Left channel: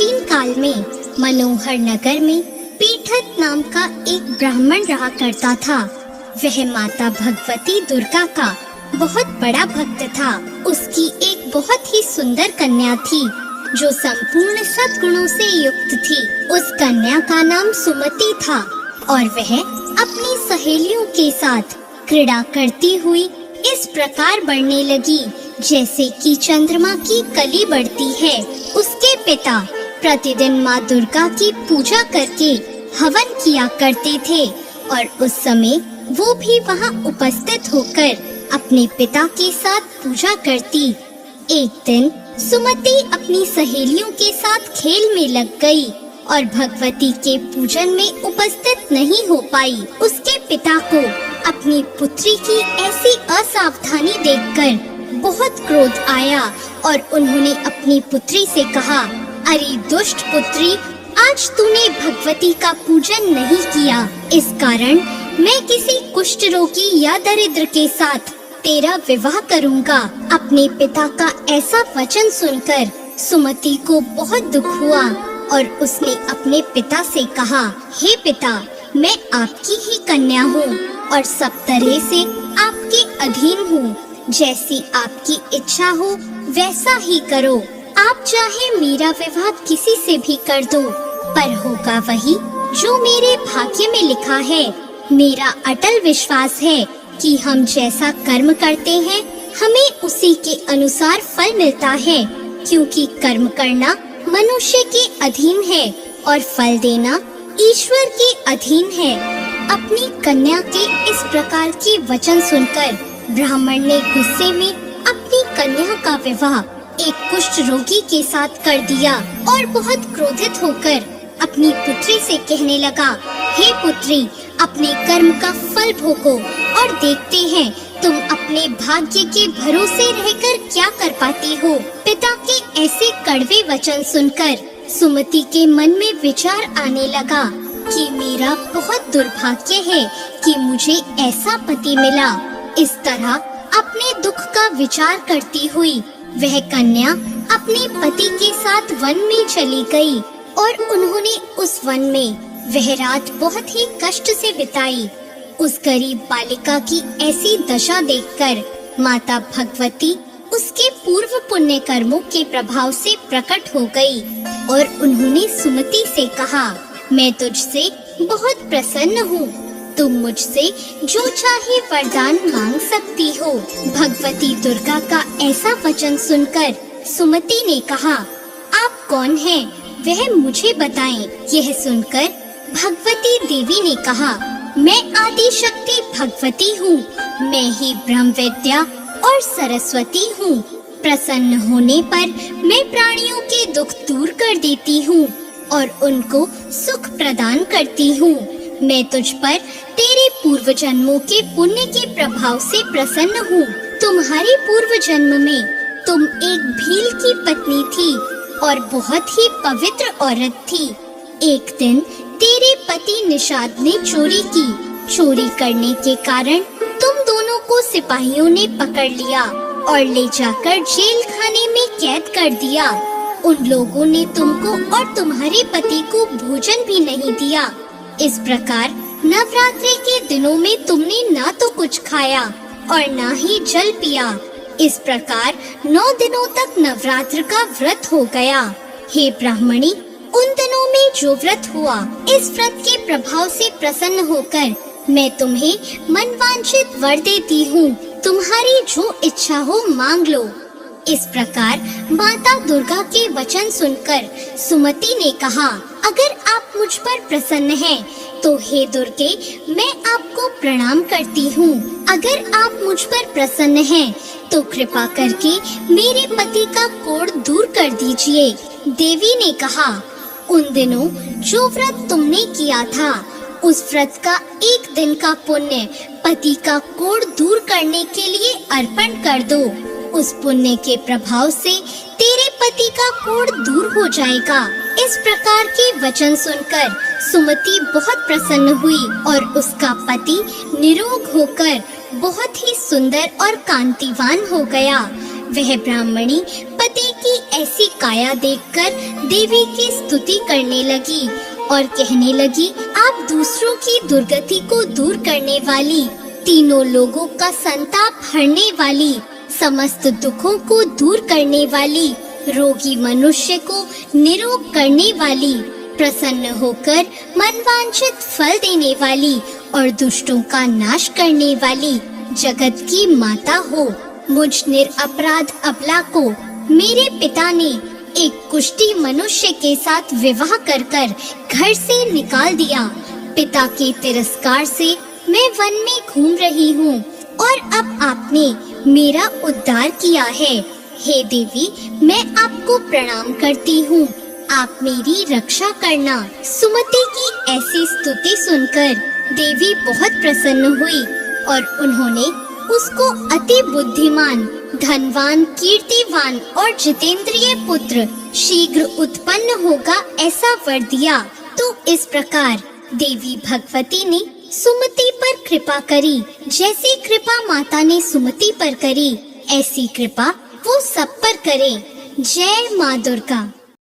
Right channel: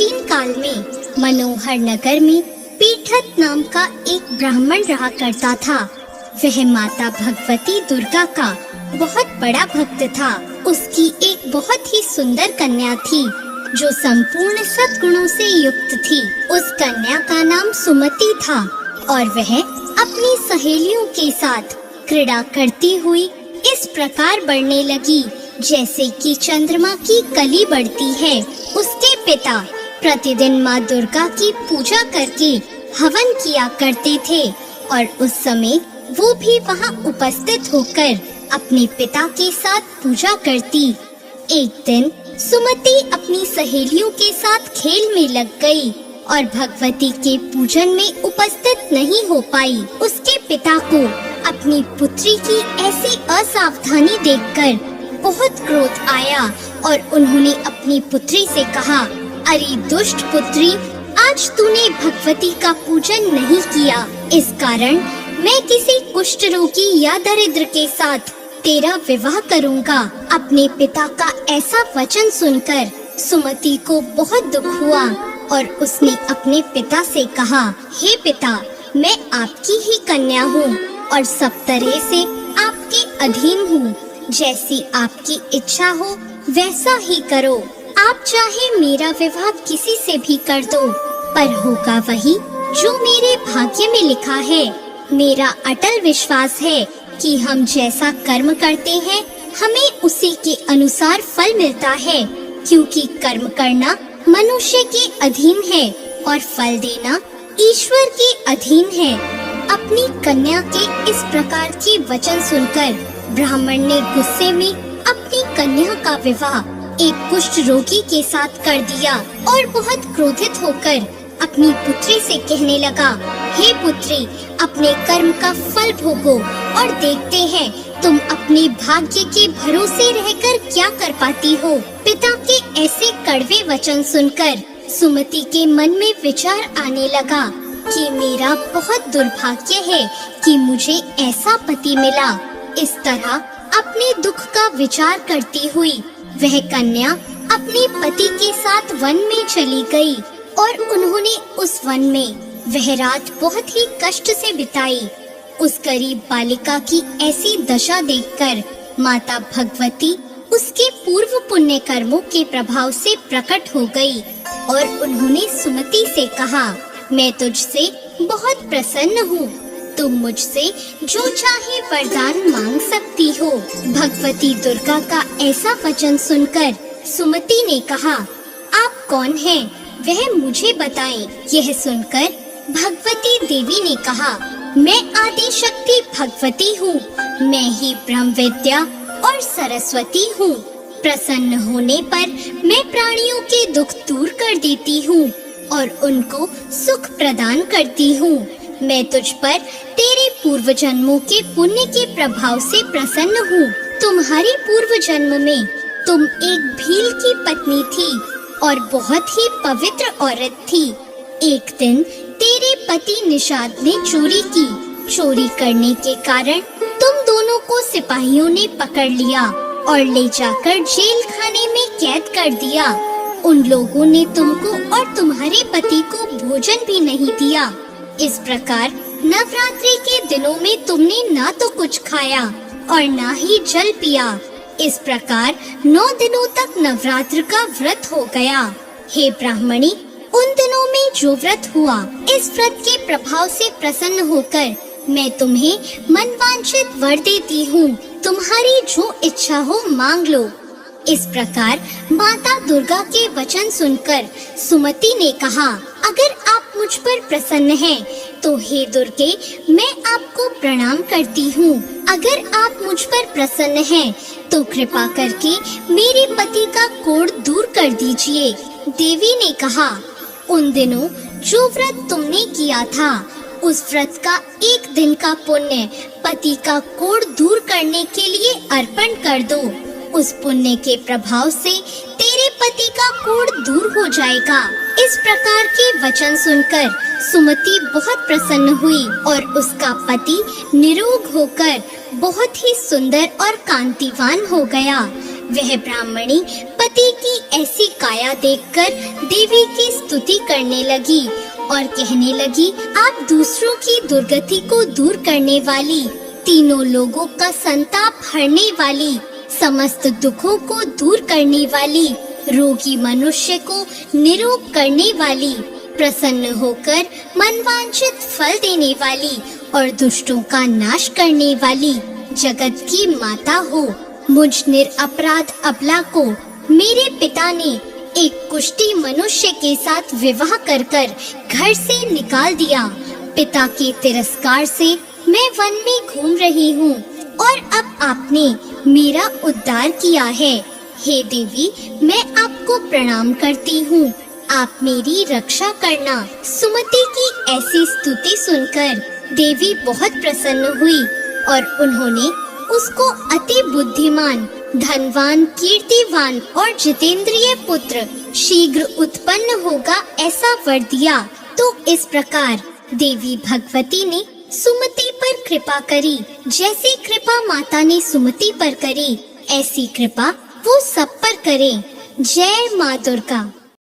प्राचीन काल में मनोहर नगर में पीठत नाम का एक ब्राह्मण रहा करता था। वह माता भगवती दुर्गा का बहुत बड़ा भक्त था। उसकी एक बहुत ही सुंदर कन्या थी जो संपूर्ण सद्गुणों से युक्त थी। उस कन्या का नाम सुमति था और वह अपनी सहेलियों के साथ क्रीड़ा करती हुई इस प्रकार बढ़ने लगी जैसे कि चंद्रमा की कली बढ़ती है। उसके पिता प्रतिदिन माँ दुर्गा की पूजा करके हवन किया करते थे और उस समय वो भी वहाँ उपस्थित होकर अपने पिता के साथ पूजा करती। एक दिन सुमति अपनी सहेलियों के साथ खेल में लग गई और भगवती के पूजन में उपस्थित नहीं हो पाई। उसके पिता को अपनी पुत्री की ऐसी असावधानी देखकर बहुत क्रोध आया और उन्होंने अपनी पुत्री से कहा, अरे दुष्ट पुत्री, आज तूने भगवती का पूजन नहीं किया। इस कारण मैं किसी कुष्ठ रोगी या दरिद्र के साथ तेरा विवाह करूंगा। अपने पिता का ऐसा वचन सुनकर सुमति को बहुत दुख हुआ और उसने अपने पिता से कहा, हे पिता, मैं आपकी ही कन्या हूँ और सब तरह से आपके अधीन हूँ। जैसी आपकी इच्छा हो वैसा ही करो। आप चाहे मेरा विवाह किसी से भी कर दो, पर होगा वही जो मेरे भाग्य में लिखा है। मेरा अटल विश्वास है कि हम जैसा कर्म करते हैं हमें उसी के अनुसार फल मिलता है, क्योंकि कर्म करना मनुष्य के अधीन है और फल देना ईश्वर के अधीन है। अपनी कन्या के इस प्रकार के वचन सुनकर ब्राह्मण ने गुस्से में अपनी कन्या का विवाह एक कुष्ठ रोगी के साथ कर दिया और बहुत क्रोधित होकर अपनी पुत्री से कहने लगा, हे पुत्री, अपने कर्म का फल भोगो और देखते हैं तुम अपने भाग्य के भरोसे रहकर क्या कर पाती हो। पिता के ऐसे कड़वे वचन सुनकर सुमति के मन में विचार आने लगा कि मेरा बहुत दुर्भाग्य है कि मुझे ऐसा पति मिला। इस तरह अपने दुख का विचार करती हुई वह कन्या अपने पति के साथ वन में चली गई और उन्होंने उस वन में वह रात बहुत ही कष्ट से बिताई। उस गरीब बालिका की ऐसी दशा देखकर माता भगवती उसके पूर्व पुण्य कर्मों के प्रभाव से प्रकट हो गई और उन्होंने सुमति से कहा, मैं तुझसे बहुत प्रसन्न हूँ। तुम मुझसे जो चाहे वरदान मांग सकती हो। भगवती दुर्गा का ऐसा वचन सुनकर सुमति ने कहा, आप कौन हैं? वह मुझे बताएं। यह सुनकर भगवती देवी ने कहा, मैं आदि शक्ति भगवती हूँ। मैं ही ब्रह्म विद्या और सरस्वती हूँ। प्रसन्न होने पर मैं प्राणियों के दुख दूर कर देती हूँ और उनको सुख प्रदान करती हूँ। मैं तुझ पर तेरे पूर्व जन्मों के पुण्य के प्रभाव से प्रसन्न हूँ। तुम्हारे पूर्व जन्म में तुम एक भील की पत्नी थी और बहुत ही पवित्र औरत थी। एक दिन तेरे पति निषाद ने चोरी की। चोरी करने के कारण तुम दोनों को सिपाहियों ने पकड़ लिया और ले जाकर जेल खाने में कैद कर दिया। उन लोगों ने तुमको और तुम्हारे पति को भोजन भी नहीं दिया। इस प्रकार नवरात्रि के दिनों में तुमने ना तो कुछ खाया और ना ही जल पिया। इस प्रकार 9 दिनों तक नवरात्र का व्रत हो गया। हे ब्राह्मणी, उन दिनों में जो व्रत हुआ, इस व्रत के प्रभाव से प्रसन्न होकर मैं तुम्हें मनवांछित वर देती हूँ। तुम्हारी जो इच्छा हो मांग लो। इस प्रकार माता दुर्गा के वचन सुनकर सुमति ने कहा, अगर आप मुझ पर प्रसन्न हैं, तो हे दुर्गे, मैं आपको प्रणाम करती हूँ। अगर आप मुझ पर प्रसन्न हैं, तो कृपा करके मेरे पति का कोढ़ दूर कर दीजिए। देवी ने कहा, उन दिनों जो व्रत तुमने किया था, उस व्रत का एक दिन का पुण्य पति का कोढ़ दूर करने के लिए अर्पण कर दो। उस पुण्य के प्रभाव से तेरे पति का कोढ़ दूर हो जाएगा। इस प्रकार के वचन सुनकर सुमति बहुत प्रसन्न हुई और उसका पति निरोग होकर बहुत ही सुंदर और कांतिवान हो गया। वह ब्राह्मणी पति की ऐसी काया देखकर देवी की स्तुति करने लगी और कहने लगी, आप दूसरों की दुर्गति को दूर करने वाली, तीनों लोगों का संताप हरने वाली, समस्त दुखों को दूर करने वाली, रोगी मनुष्य को निरोग करने वाली, प्रसन्न होकर मनवांछित फल देने वाली और दुष्टों का नाश करने वाली जगत की माता हो। मुझ निरपराध अबला को मेरे पिता ने एक कुष्ठी मनुष्य के साथ विवाह कर घर से निकाल दिया। पिता के तिरस्कार से मैं वन में घूम रही हूँ और अब आपने मेरा उद्धार किया है। हे देवी, मैं आपको प्रणाम करती हूँ, आप मेरी रक्षा करना। सुमति की ऐसी स्तुति सुनकर देवी बहुत प्रसन्न हुई और उन्होंने उसको अति बुद्धिमान, धनवान, कीर्तिवान और जितेंद्रिय पुत्र शीघ्र उत्पन्न होगा ऐसा वर दिया। तो इस प्रकार देवी भगवती ने सुमति पर कृपा करी। जैसी कृपा माता ने सुमति पर करी, ऐसी कृपा वो सब पर करे। जय माँ दुर्गा।